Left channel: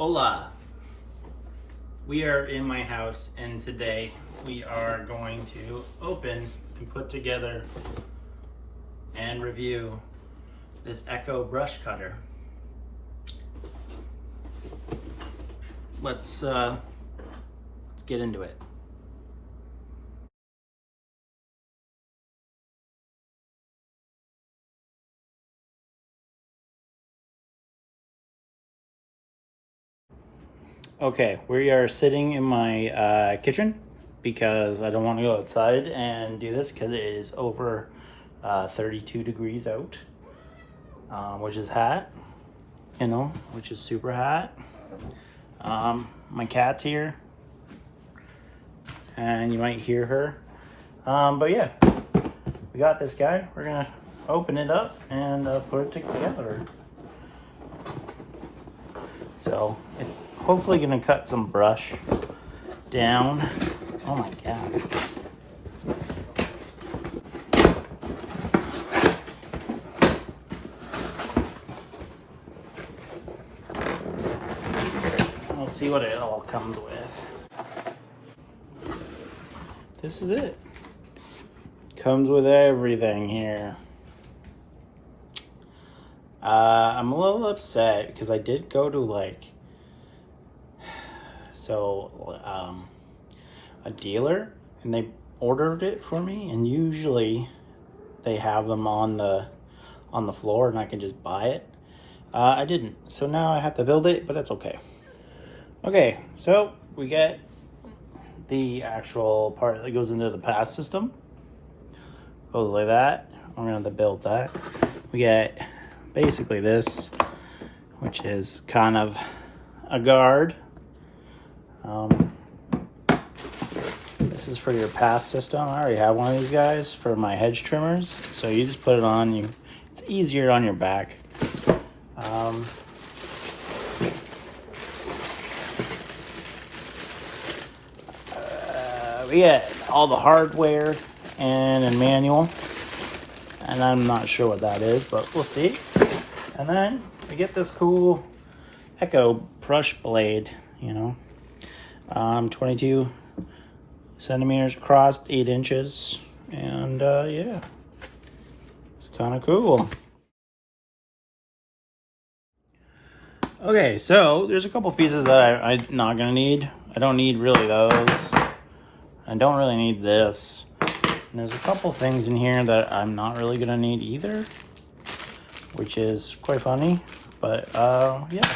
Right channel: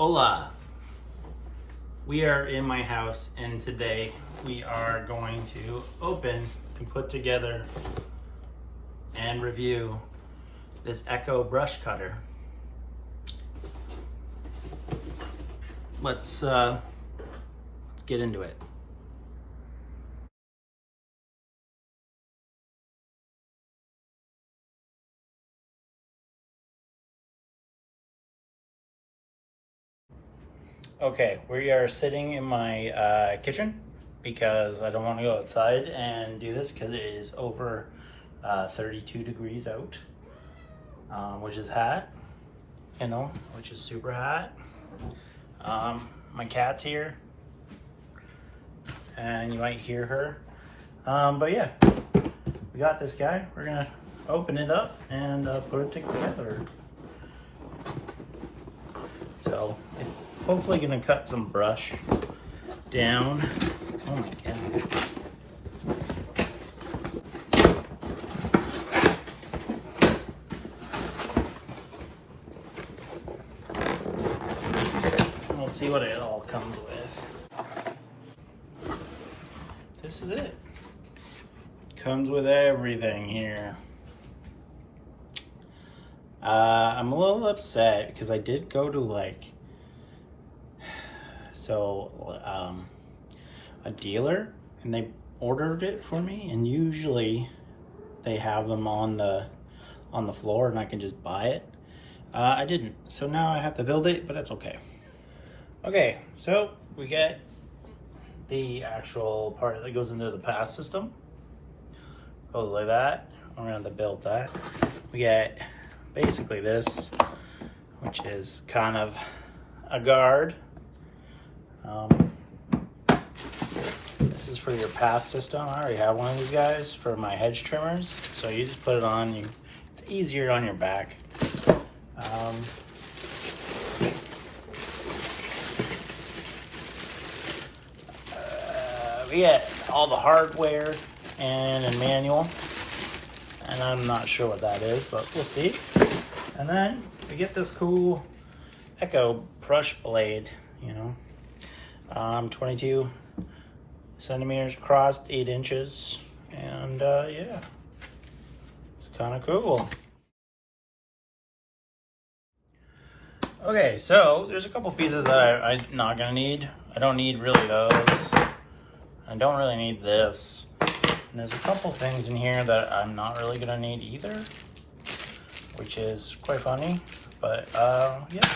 Hola! We are in my house and today we are going to open and put together and review this Echo brush cutter. Let's get into it. Okay, we are sitting in my kitchen because I don't want to go outside and do this because it is over 32 degrees out, which is hot, you know, which is super hot. My cat's here and you might hear her. But yeah, we got this guy. We're gonna open it up and put it together. So it's hopefully gonna cut some brush down. Oh my God. Let's see what it all comes with. This is it. Comes with everything here. I'm a little upset because I did go to a dealer and they ordered it for me, and usually they have them on the floor and I can just buy it. I didn't, so now I have to build it, but that's okay. Okay, so we get the actual part that goes into the pass system. Goes like that. I'm gonna have to build that. We get basically this, which is kind of a guard. This is for your pass system. I already have one of these guys for my hedge trimmers. So you just put it on, it's easier on your back. We get all the hardware and a manual. And I'm not sure what that is, but we'll see. And then we get this cool Echo brush blade, you know. 22 centimeters across, 8 inches. And yeah, it's kind of cool. Okay, so there's a couple pieces that I'm not gonna need. I don't need really those. I don't really need this. And there's a couple things in here that I'm not really gonna need either, which is quite funny, but yeah.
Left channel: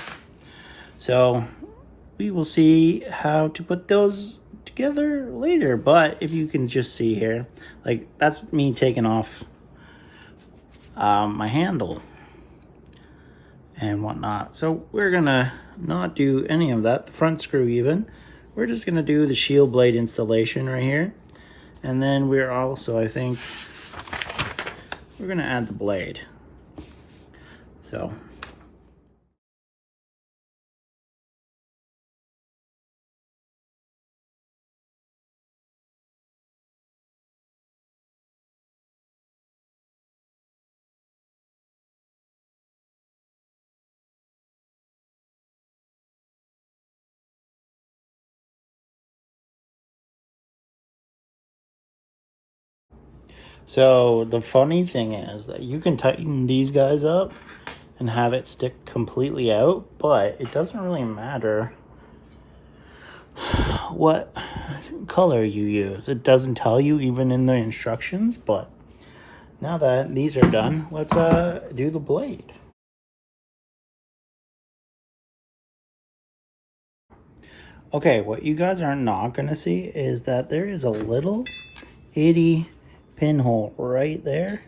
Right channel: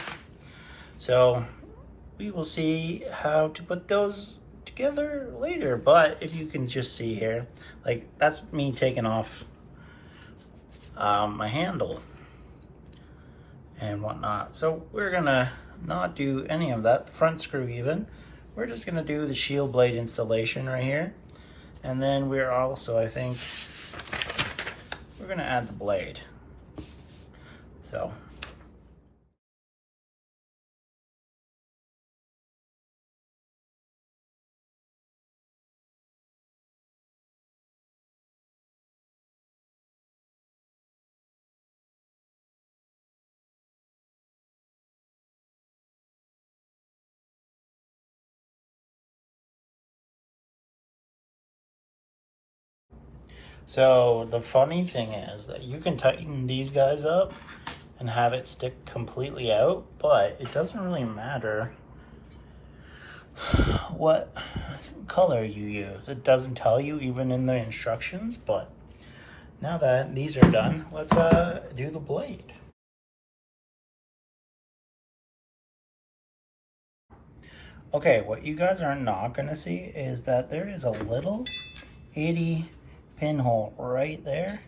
So we will see how to put those together later. But if you can just see here, like that's me taking off my handle and whatnot. So we're gonna not do any of that, the front screw even. We're just gonna do the shield blade installation right here. And then we're also, I think, we're gonna add the blade. So. So the funny thing is that you can tighten these guys up and have it stick completely out, but it doesn't really matter what color you use. It doesn't tell you even in the instructions, but now that these are done, let's do the blade. Okay, what you guys are not gonna see is that there is a little itty pinhole right there.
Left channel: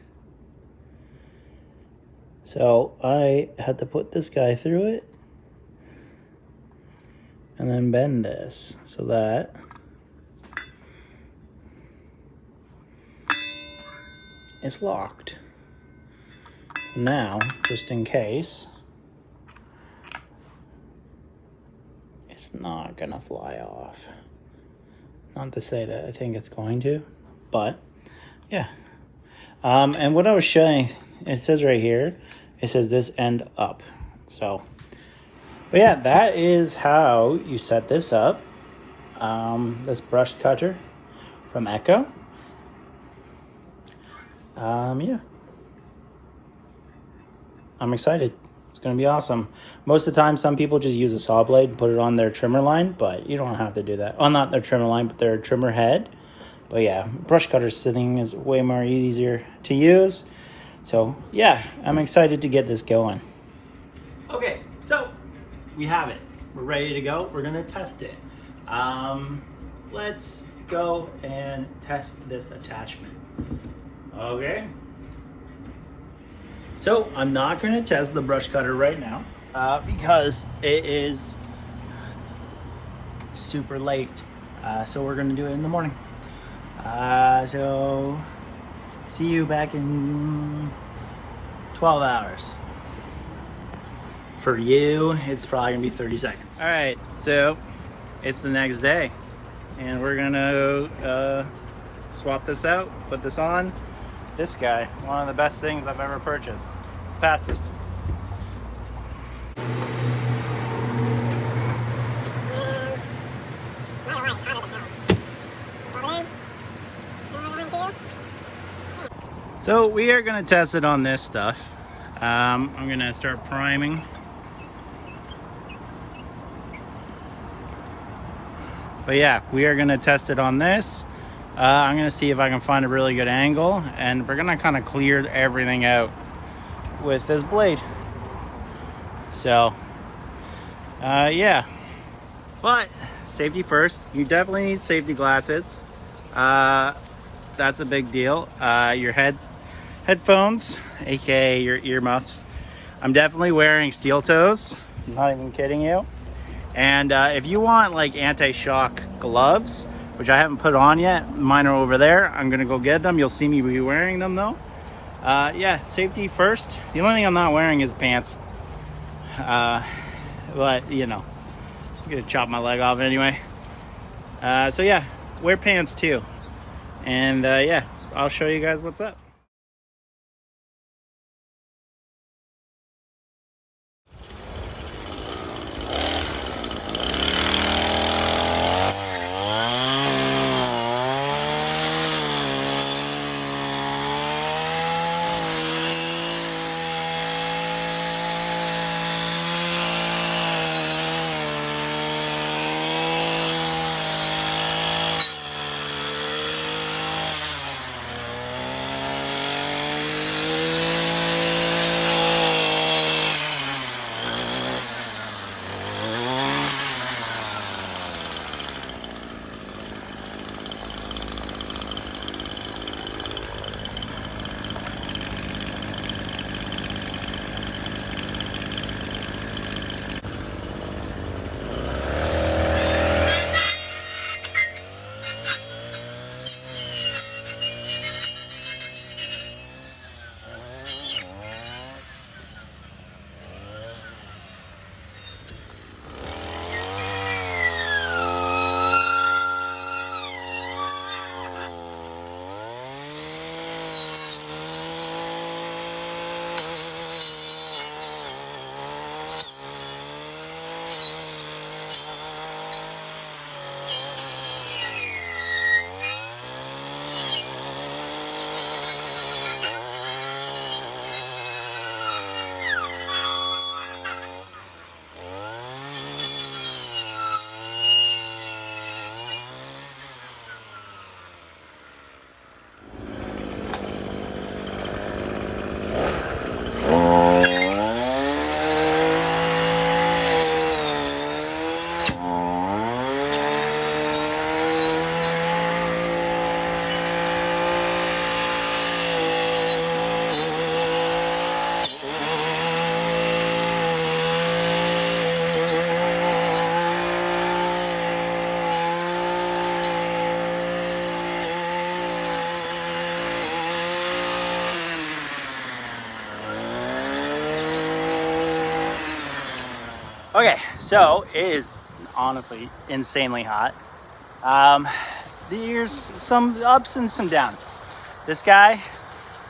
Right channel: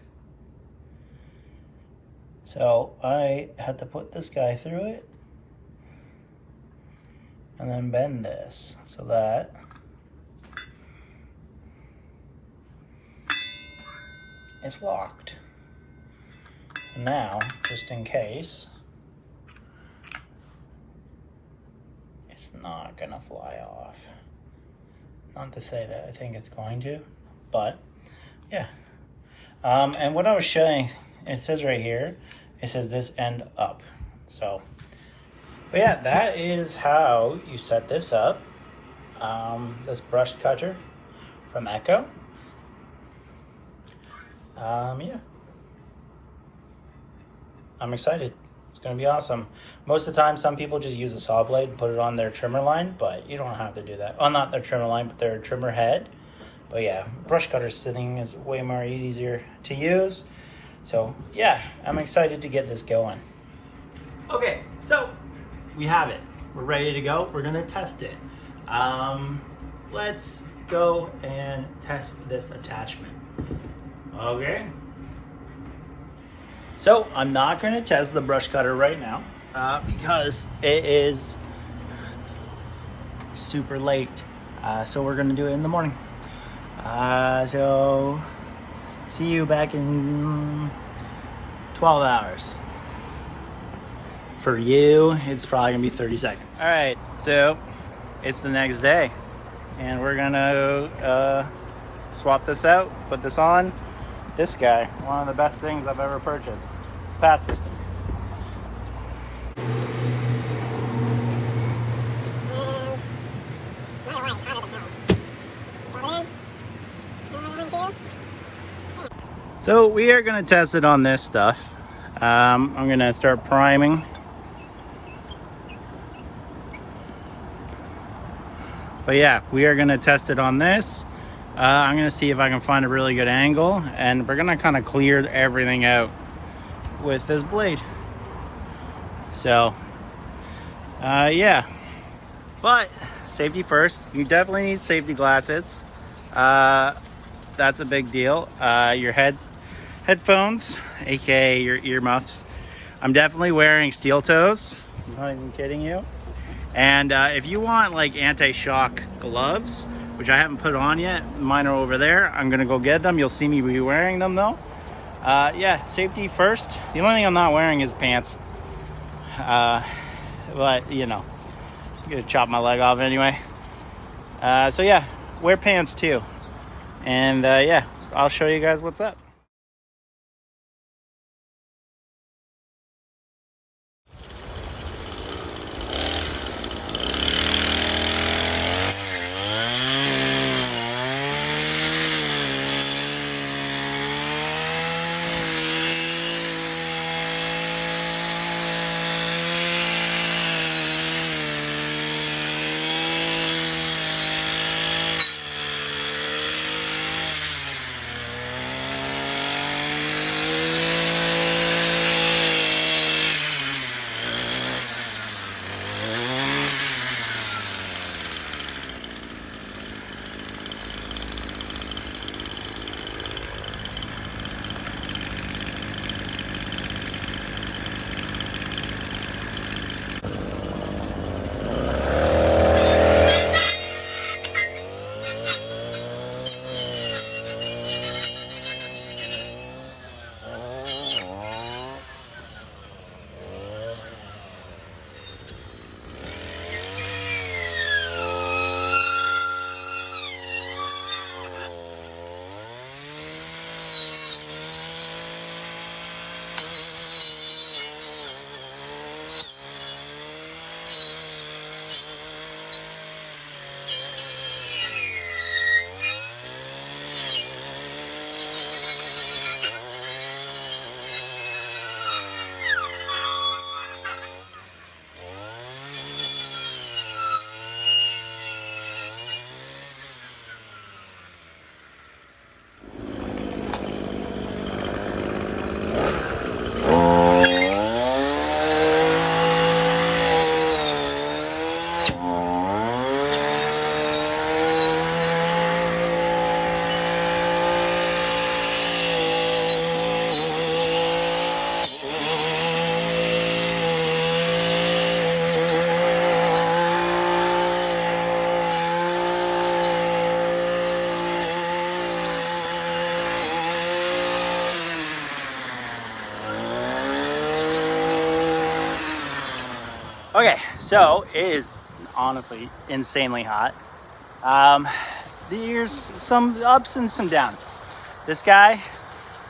So I had to put this guy through it and then bend this so that it's locked. Now, just in case, it's not gonna fly off. Not to say that I think it's going to, but yeah. And what I was showing, it says right here, it says this end up. So But yeah, that is how you set this up. This brush cutter from Echo. Yeah, I'm excited. It's gonna be awesome. Most of the time, some people just use a saw blade, put it on their trimmer line, but you don't have to do that. Well, not their trimmer line, but their trimmer head. But yeah, brush cutter sitting is way more easier to use. So yeah, I'm excited to get this going. Okay, so we have it. We're ready to go. We're gonna test it. Let's go and test this attachment. Okay. So I'm not gonna test the brush cutter right now because it is super late. So we're gonna do it in the morning. So see you back in 12 hours. For you, it's probably gonna be 30 seconds. All right, so it's the next day and we're gonna swap this out, put this on. This guy, one of the best things I've ever purchased. Path system. So we are gonna test it on this stuff. I'm gonna start priming. But yeah, we are gonna test it on this. I'm gonna see if I can find a really good angle, and we're gonna kind of clear everything out with this blade. So, yeah. But safety first. You definitely need safety glasses. That's a big deal. Your headphones, aka your earmuffs. I'm definitely wearing steel toes. I'm not even kidding you. And if you want like anti-shock gloves, which I haven't put on yet, mine are over there. I'm gonna go get them. You'll see me be wearing them though. Yeah, safety first. The only thing I'm not wearing is pants. But you know, I'm gonna chop my leg off anyway. So yeah, wear pants too. And yeah, I'll show you guys what's up. Okay, so it is honestly insanely hot. There's some ups and some downs. This guy,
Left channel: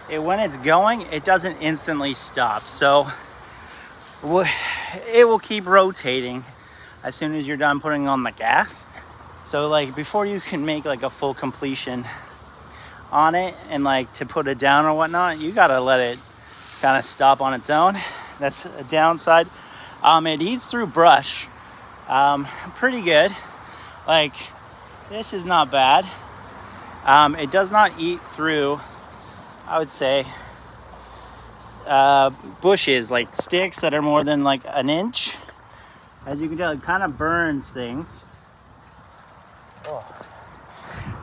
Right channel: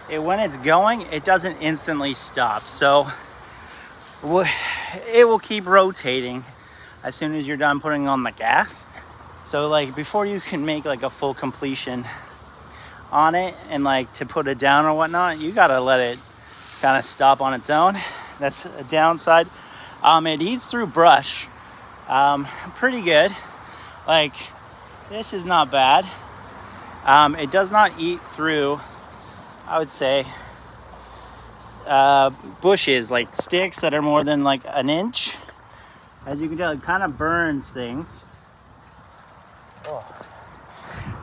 when it's going, it doesn't instantly stop. So it will keep rotating as soon as you're done putting on the gas. So like before you can make like a full completion on it and like to put it down or whatnot, you gotta let it kind of stop on its own. That's a downside. It eats through brush pretty good. Like this is not bad. It does not eat through, I would say, bushes, like sticks that are more than like an inch. As you can tell, it kind of burns things. Oh.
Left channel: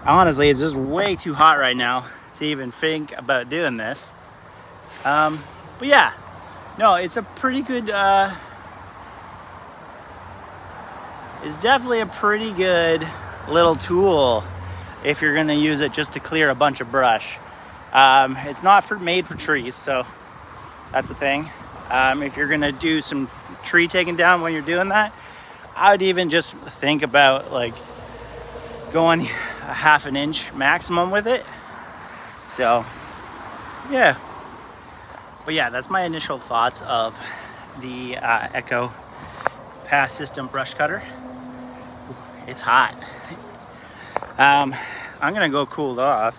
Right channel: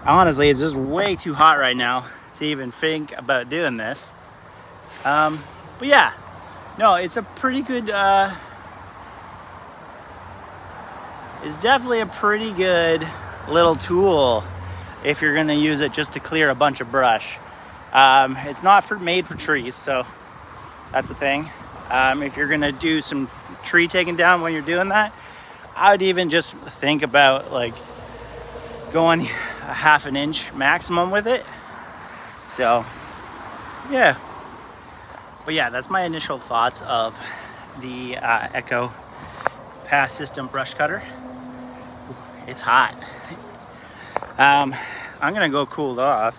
Honestly, it's just way too hot right now to even think about doing this. But yeah, no, it's a pretty good, it's definitely a pretty good little tool if you're gonna use it just to clear a bunch of brush. It's not made for trees, so that's the thing. If you're gonna do some tree taking down when you're doing that, I would even just think about like going a half an inch maximum with it. So yeah, but yeah, that's my initial thoughts of the Echo Pass System brush cutter. It's hot. I'm gonna go cool off.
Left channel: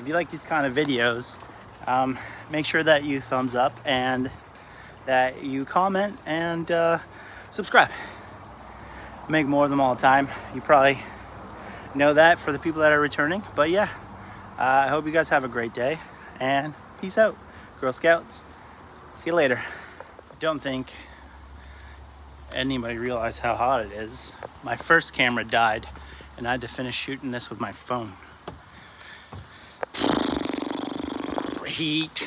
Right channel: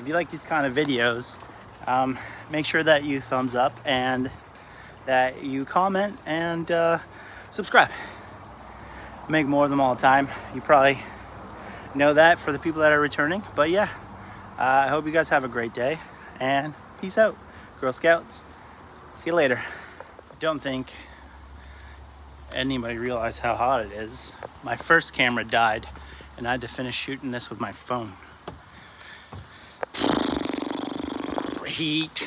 If you like these kind of videos, make sure that you thumbs up and that you comment and subscribe. I make more of them all the time. You probably know that for the people that are returning. But yeah, I hope you guys have a great day and peace out, Girl Scouts. See you later. I don't think anybody realized how hot it is. My first camera died and I had to finish shooting this with my phone. Heat.